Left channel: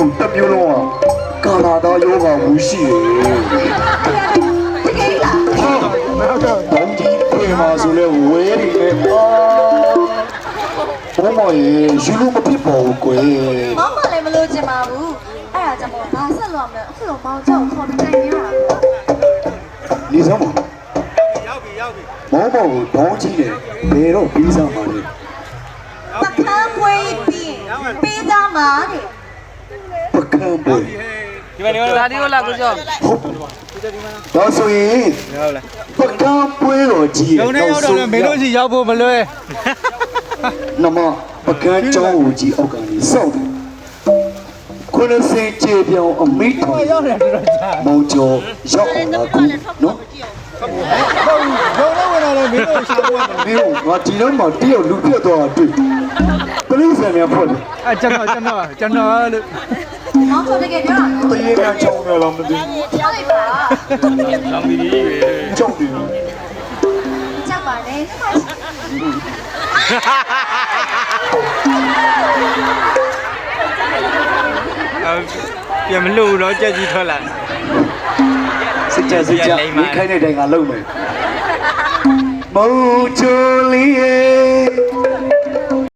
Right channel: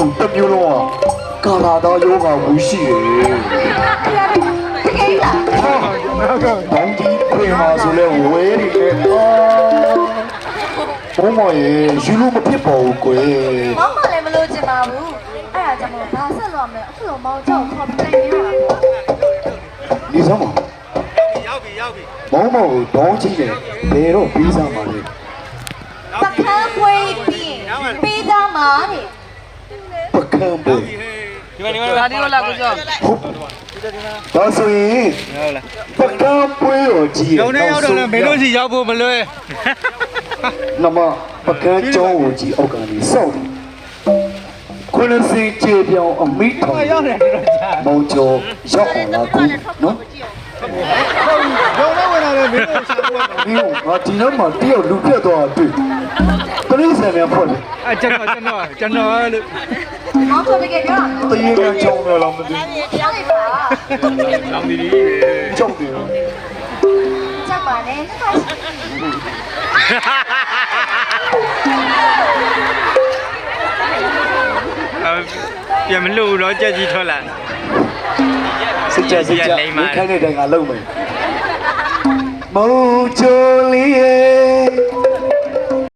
မျိုးတစ်မျိုးလုံးကာလာသားယောဂဝူရှိတယ်တောင်းကြီးပြေမှာဆိုလဲဝဲနေလေဘုံမရေယူလို့မဖြစ်ပါဘူးကွယ် မောင်မလည်းမလို့ချင်ပါဘူးအဲ့ဒါကြောင့်ဘာဆက်လို့မလဲအခုလိုမောင်ကြောက်ခေါ်ပြီးတိုင်နေတာနေစမ်းပါမောင်မောင်ကိုတောင်းကြီးတယ်ဘယ်တော့ပြီးစားမှာလဲ ပကံပွေးပြီးပေးသားမှာတဲ့ ပကံပွဲ ဒီမှာဒါဒီကိုလာကိုကြောက် ဒါဆိုရင် ဟုတ်လား ပကံပွဲတော်ကြီးရဲ့နောက်ဆုံး မင်းတို့စီရောက်ဖို့မလွယ် နမပကံကျောင်းကိုကြီးအောက်ကနေစောက်ခွန်းစင်ကျေပြောင်းအမိထောင် ရောက်နေတော့ကြာ မောင်ကျော်ရောက်အောင်လားကူနော် ဘယ်တော့ဝင်လာလဲမင်းတို့ရှာဖို့မင်းတို့ငါဒီတော့မှတယောက်လူပြတ်သွားတာတွေ့ပရိသတ်များဖွဲ့တယ် အဲကျွန်တော်လို့ မောင်ခေါ်ပြီးကြတော့ တရေကချောင်းရလားမသိ ပြောင်းလိုက်ပါ ကြောက်တယ် ကြောက်ပါနဲ့ ပြန်မလို့တော့ကြက်ကြီးထွက်လာ စိတ်ကြမခိုင်းတဲ့တိုင်ကလုံးမယ်မုံချိုလေးရဲ့